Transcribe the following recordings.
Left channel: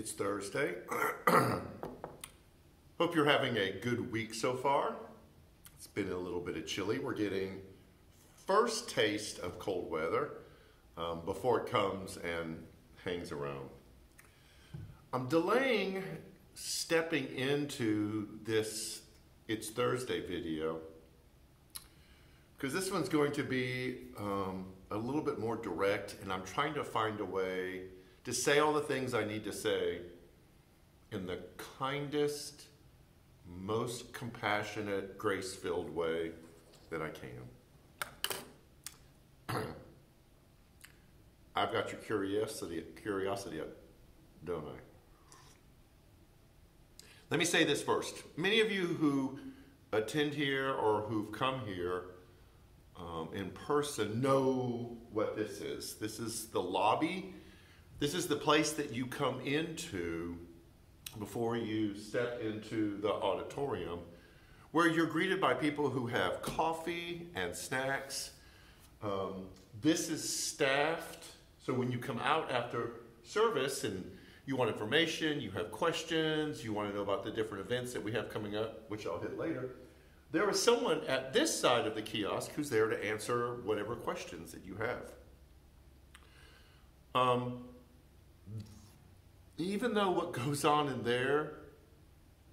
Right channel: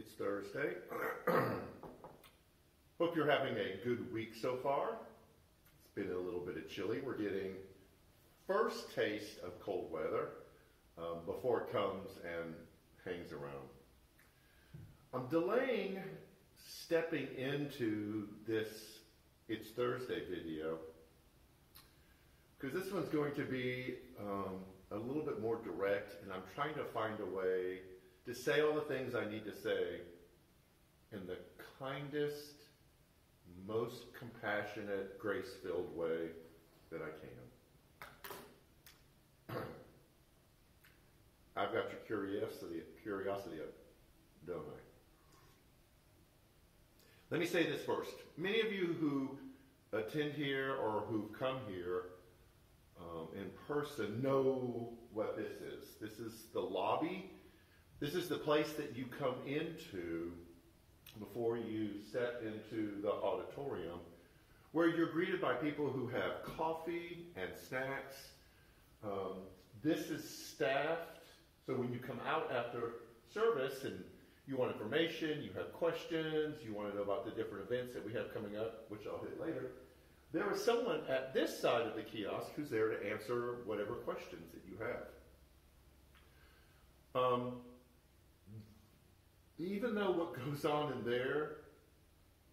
It's Thursday. Hope you're having a good week so far. It's been a little bit of chilly. We're getting first taste of cold weather before it comes and hangs around. I'm delaying stepping into this It's Thursday video because this one's going to be a little bit more direct, and I'm trying to find a way to say all the things I need to say in the kindest, most compassionate, grace-filled way that I can. I've got your curiosity up, don't I? Let me say this first. Many of you who attend here or who've come here in person know what this is. This is the lobby. This is the place that you come into before you step into the auditorium, where you're greeted by people who have coffee and snacks. This is staffed, so when you come out after service and you want information, you have questions, you want to know about the different events that we have coming up, which I'll hit later, there is someone at this side of the kiosk who's there to answer whatever questions that you have. Even though what goes on in there,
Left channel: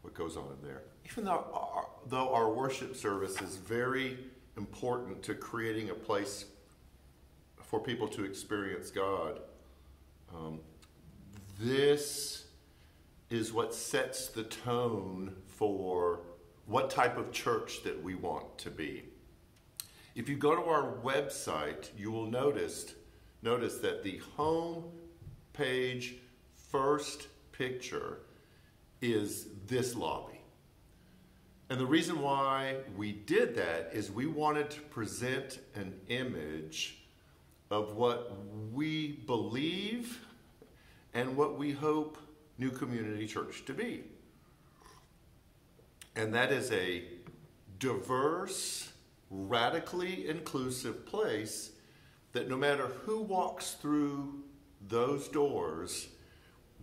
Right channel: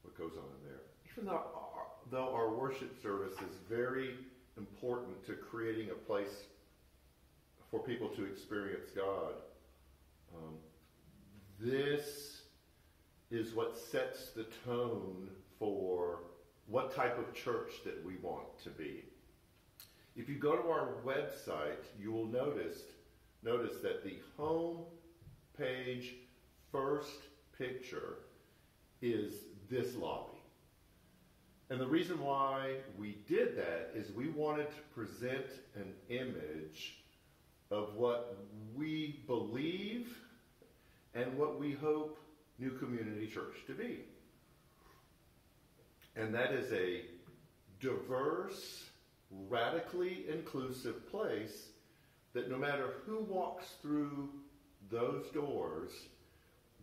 even though our worship service is very important to creating a place for people to experience God, this is what sets the tone for what type of church that we want to be. If you go to our website, you will notice that the home page first picture is this lobby. And the reason why we did that is we wanted to present an image of what we believe and what we hope New Community Church to be. And that is a diverse, radically inclusive place that no matter who walks through those doors,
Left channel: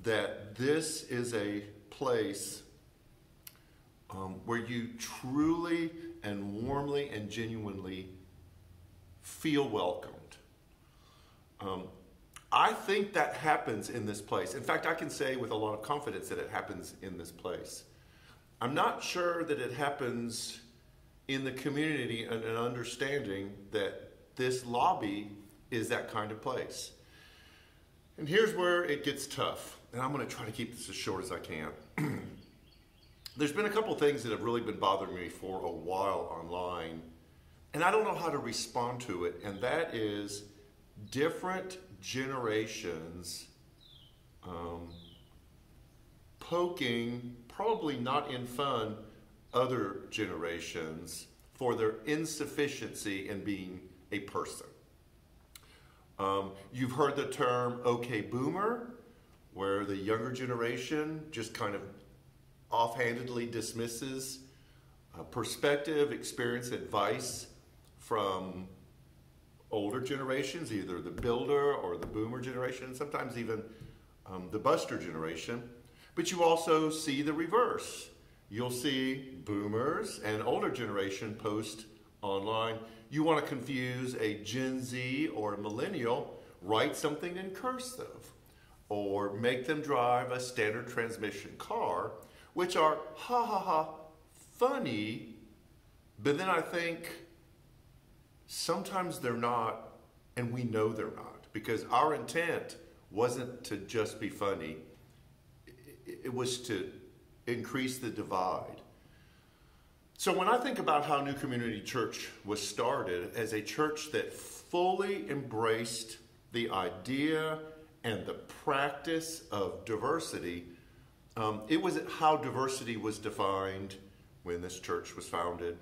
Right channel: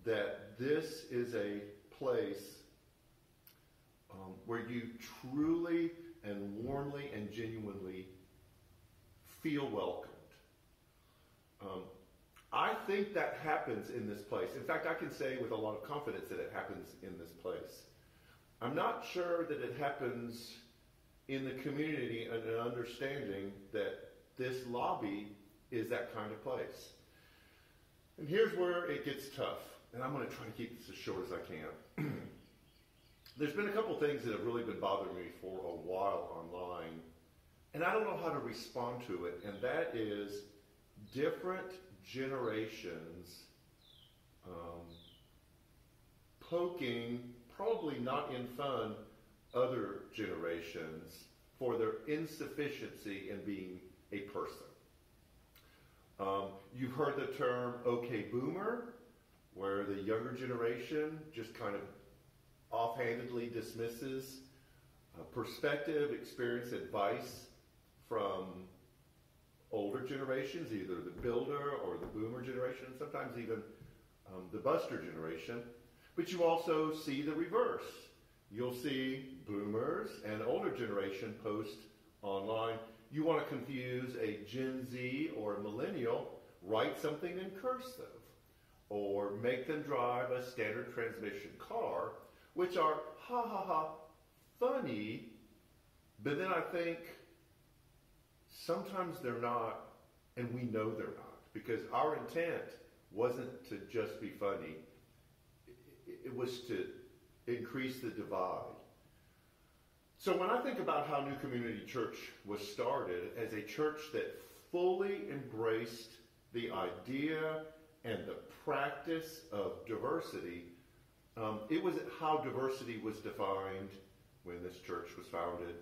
that this is a place where you truly and warmly and genuinely feel welcomed. I think that happens in this place. In fact, I can say with a lot of confidence that it happens in this place. I'm not sure that it happens in the community and an understanding that this lobby is that kind of place. And here's where it gets tough. And I'm going to try to keep this as short as I can. There's been a couple things that have really been bothering me for a while online, and I don't know how to respond to it, and that is different generations poking, probably not in fun, other generations for their insufficiency in being a person. You've heard the term "okay boomer," where the younger generation just kind of offhandedly dismisses perspective, experience, advice from older generations, either the builder or the boomer generation, sometimes even the buster generation. But you also see the reverse. You'll see boomers and older generation post online. You want to confuse a Gen Z or a millennial, write something in cursive, or make them drive a standard transmission car, which are funny, but then I think sometimes they're not, and we know they're not, because our intent wasn't to just be funny. It was to increase the divide. So when I think about how New Community Church was started as a church that fully embraced the idea and the practice of diversity, it was how diversity was defined when this church was founded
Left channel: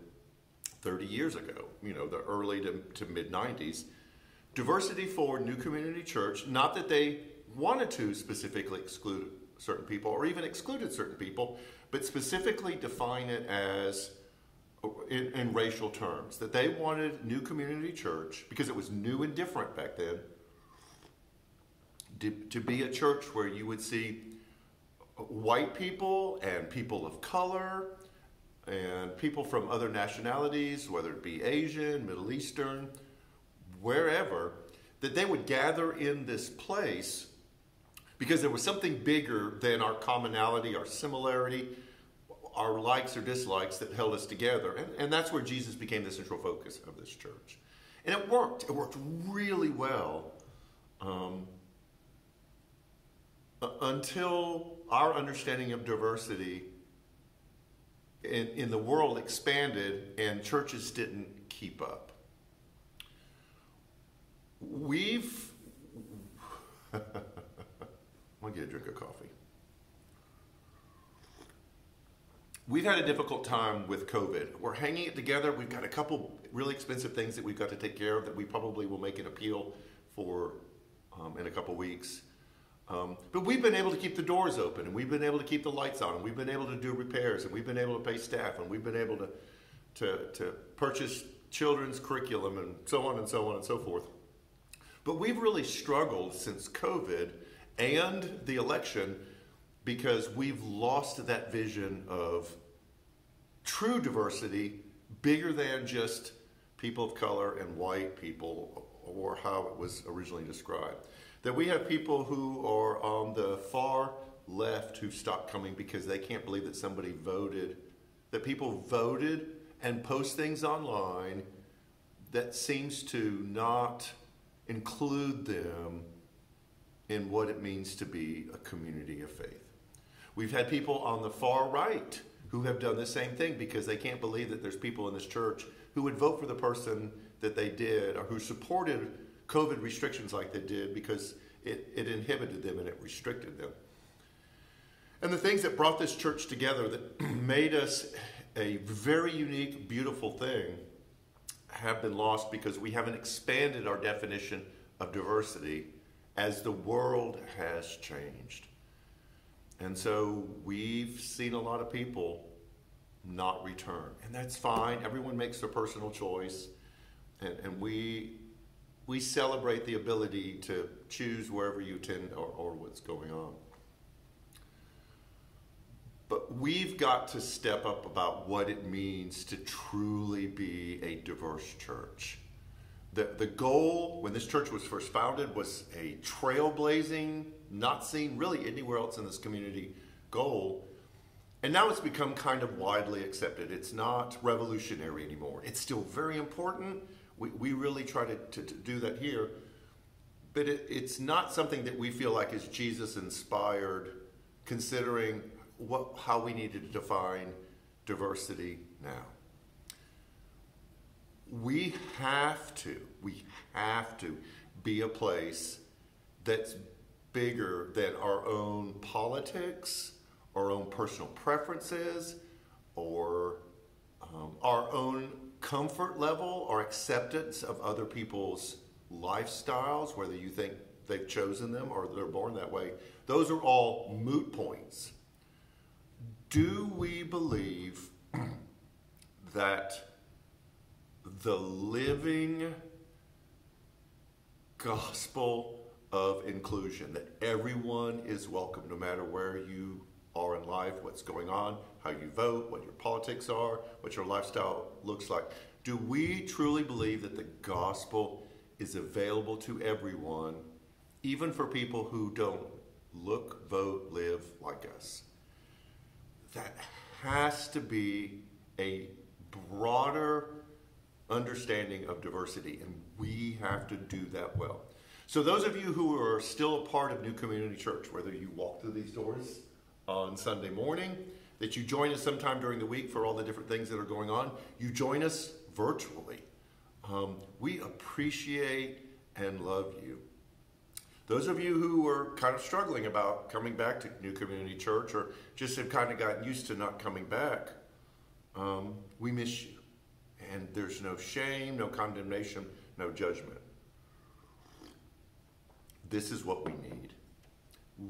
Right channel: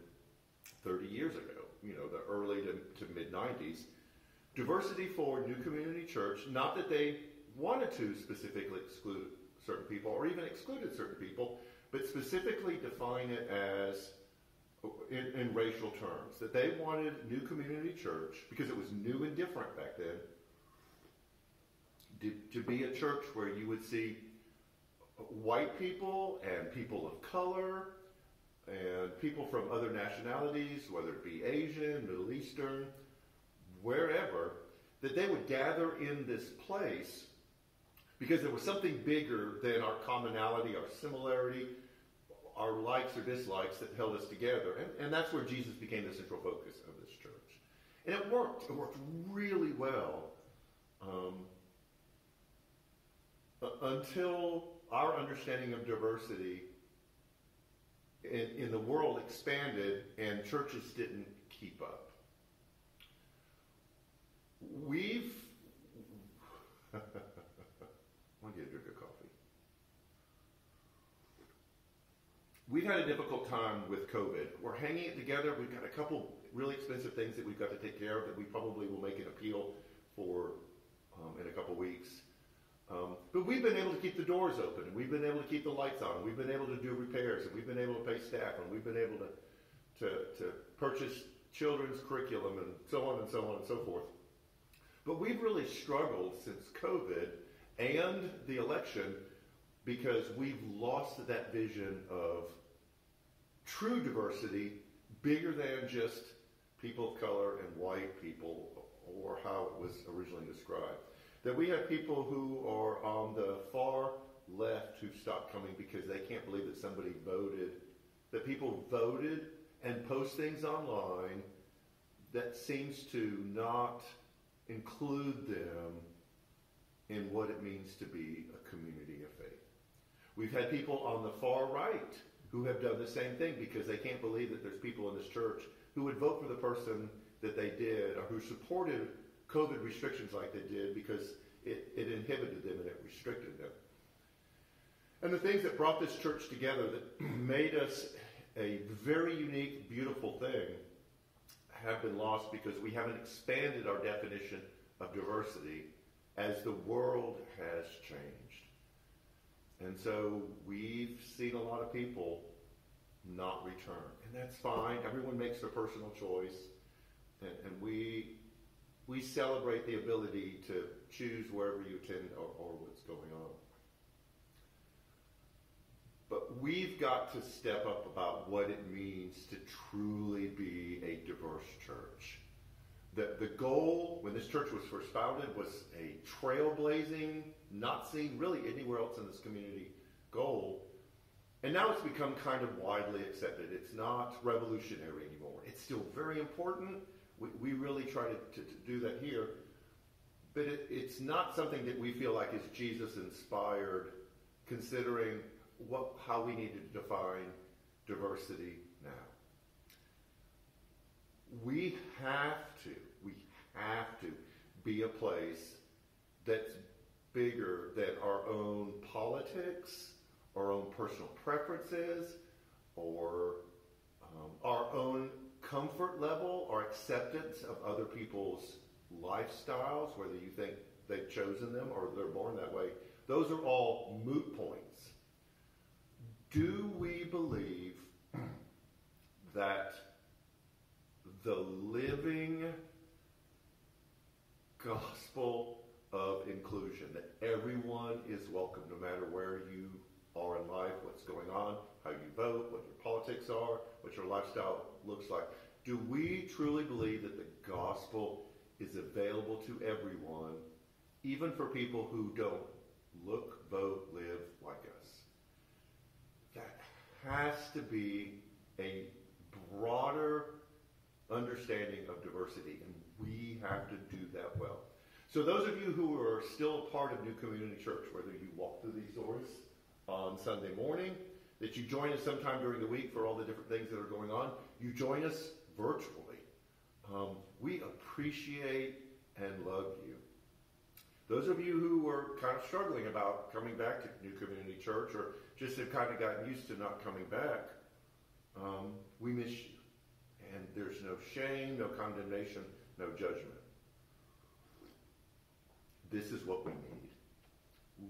30 years ago, the early to mid-90s. Diversity for New Community Church, not that they wanted to specifically exclude certain people or even excluded certain people, but specifically define it as in racial terms, that they wanted New Community Church, because it was new and different back then, to be a church where you would see white people and people of color and people from other nationalities, whether it be Asian, Middle Eastern, wherever, that they would gather in this place because there was something bigger than our commonality, our similarity, our likes or dislikes that held us together. And that's where Jesus became the central focus of this church. And it worked. It worked really well until our understanding of diversity in the world expanded and churches didn't keep up. I'm going to get a drink of coffee. We've had a difficult time with COVID. We're hanging it together. We've got a couple really expensive things that we've got to take care of that we probably will make an appeal for in a couple weeks. But we've been able to keep the doors open, and we've been able to keep the lights on, and we've been able to do repairs, and we've been able to pay staff, and we've been able to purchase children's curriculum, and so on and so on and so forth. But we've really struggled since COVID and the election because we've lost that vision of true diversity bigger than just people of color and white people, or how it was originally described. That we have people who are on the far left who stopped coming because they can't believe that somebody voted, that people voted and post things online that seems to not include them in what it means to be a community of faith. We've had people on the far right who have done the same thing because they can't believe that there's people in this church who would vote for the person that they did, or who supported COVID restrictions like they did because it inhibited them and it restricted them. And the things that brought this church together, that made us a very unique, beautiful thing, have been lost because we haven't expanded our definition of diversity as the world has changed. And so we've seen a lot of people not return. And that's fine. Everyone makes their personal choice. And we celebrate the ability to choose wherever you attend or what's going on. But we've got to step up about what it means to truly be a diverse church. The goal when this church was first founded was a trailblazing, not seen really anywhere else in this community goal. And now it's become kind of widely accepted. It's not revolutionary anymore. It's still very important. We really try to do that here. But it's not something that we feel like is Jesus inspired, considering how we need to define diversity now. We have to be a place that's bigger than our own politics, our own personal preferences, or our own comfort level or acceptance of other people's lifestyles, whether you think they've chosen them or they're born that way. Those are all moot points. Do we believe that the living gospel of inclusion, that everyone is welcome no matter where you are in life, what's going on, how you vote, what your politics are, what your lifestyle looks like? Do we truly believe that the gospel is available to everyone, even for people who don't look, vote, live like us? That has to be a broader understanding of diversity, and we have to do that well. So those of you who are still a part of New Community Church, whether you walk through these doors on Sunday morning, that you join us sometime during the week for all the different things that are going on, you join us virtually. We appreciate and love you. Those of you who are kind of struggling about coming back to New Community Church, or just have kind of gotten used to not coming back, we miss you. And there's no shame, no condemnation, no judgment. This is what we need.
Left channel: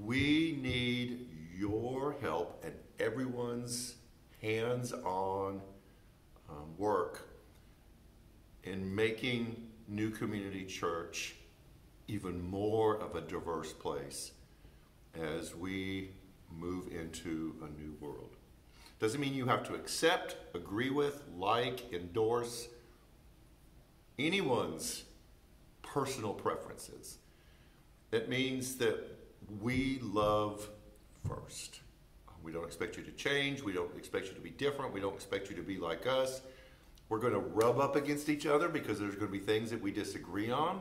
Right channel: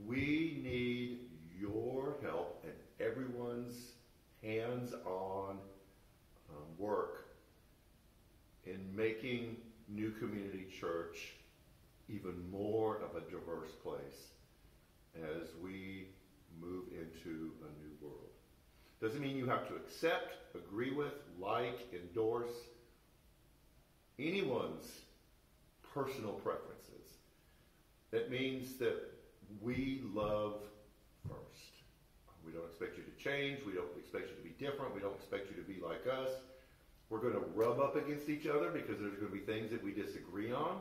We need your help and everyone's hands-on work in making New Community Church even more of a diverse place as we move into a new world. Doesn't mean you have to accept, agree with, like, endorse anyone's personal preferences. It means that we love first. We don't expect you to change. We don't expect you to be different. We don't expect you to be like us. We're going to rub up against each other because there's going to be things that we disagree on.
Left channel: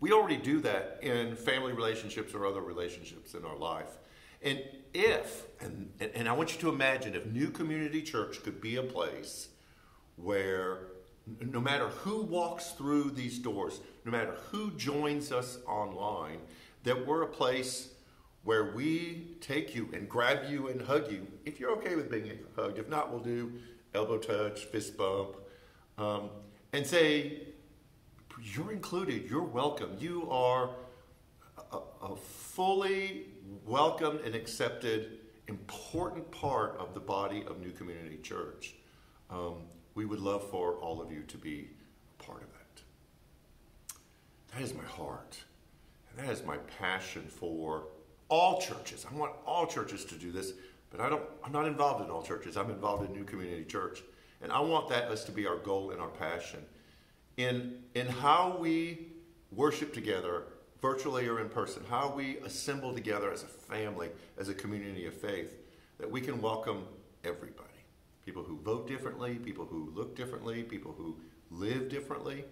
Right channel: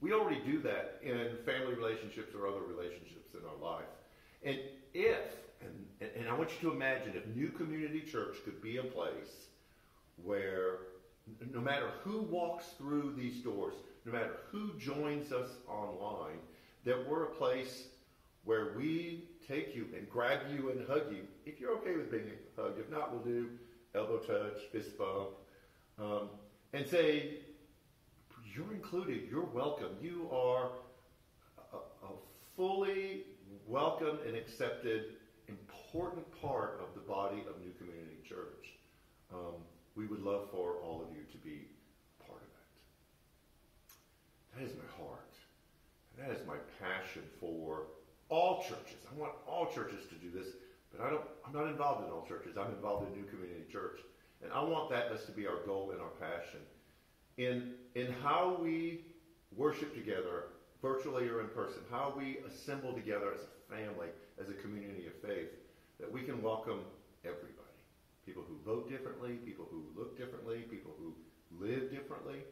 We already do that in family relationships or other relationships in our life. And I want you to imagine if New Community Church could be a place where no matter who walks through these doors, no matter who joins us online, that we're a place where we take you and grab you and hug you. If you're okay with being hugged, if not, we'll do elbow touch, fist bump, and say, you're included, you're welcome. You are a fully welcomed and accepted important part of the body of New Community Church. We would love for all of you to be a part of that. That is my heart. And that is my passion for all churches. I want all churches to do this, but I'm not involved in all churches. I'm involved in New Community Church. And I want us to be our goal and our passion. In how we worship together, virtually or in person, how we assemble together as a family, as a community of faith, that we can welcome everybody. People who vote differently, people who look differently, people who live differently,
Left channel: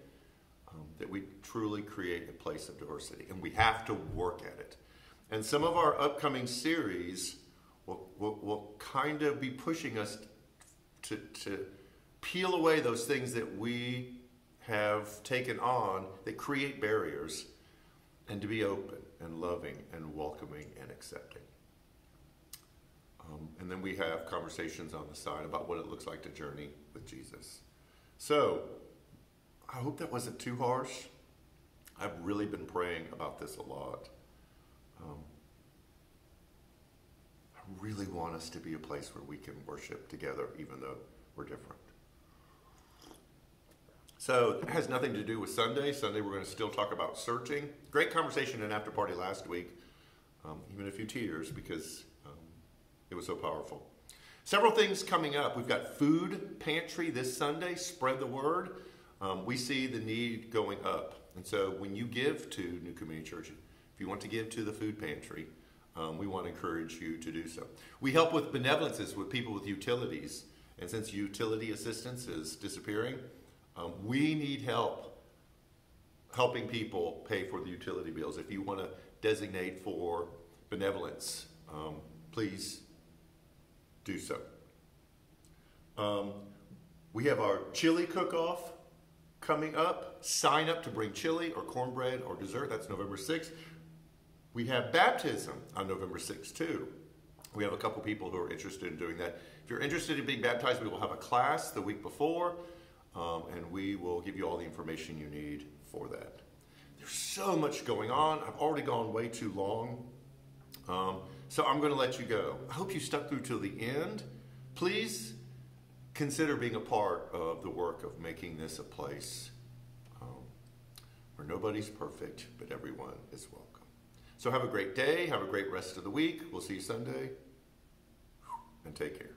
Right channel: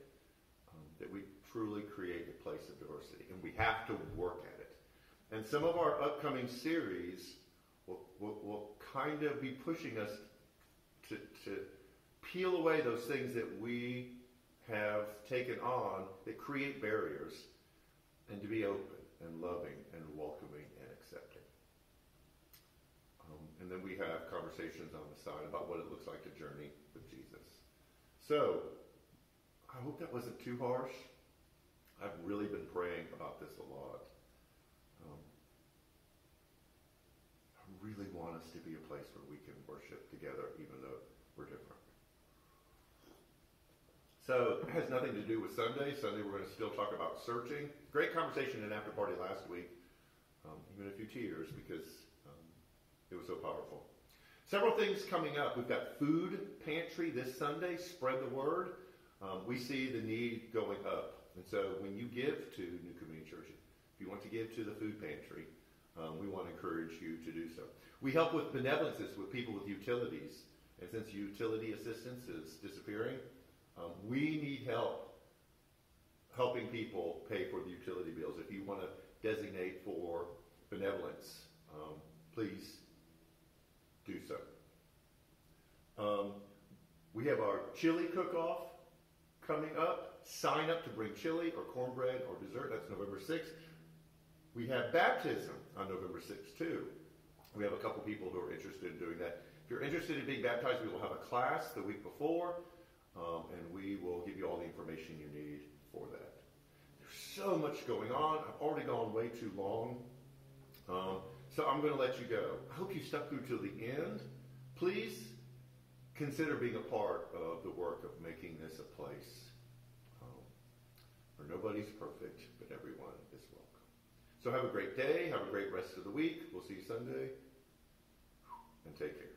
that we truly create a place of diversity. And we have to work at it. And some of our upcoming series will kind of be pushing us to peel away those things that we have taken on that create barriers, and to be open and loving and welcoming and accepting. And then we have conversations on the side about what it looks like to journey with Jesus. So, I hope that wasn't too harsh. I've really been praying about this a lot. I really want us to be a place where we can worship together even though we're different. So it has nothing to do with Sunday. Sunday we're going to still talk about searching. Great conversation in after party last week. Even a few tears because it was so powerful. Several things coming up. We've got food pantry this Sunday. Spread the word. We see the need going up. And so when you give to New Community Church, if you want to give to the food pantry, we want to encourage you to do so. We help with benevolences with people with utilities. And since utility assistance is disappearing, we need help helping people pay for the utility bills. If you want to designate for benevolence, please do so. We have our chili cook-off coming up. Sign up to bring chili or cornbread or dessert. That's November 6th. We have baptism on November 6th too. We have a couple people who are interested in doing that. If you're interested in being baptized, we will have a class the week before, and we will give you all the information you need for that. There's so much going on. I've already gone way too long, so I'm going to let you go. I hope you stuck through till the end. Please consider being a part of the work of making this a place where nobody's perfect, but everyone is welcome. So have a great day. Have a great rest of the week. We'll see you Sunday, and take care.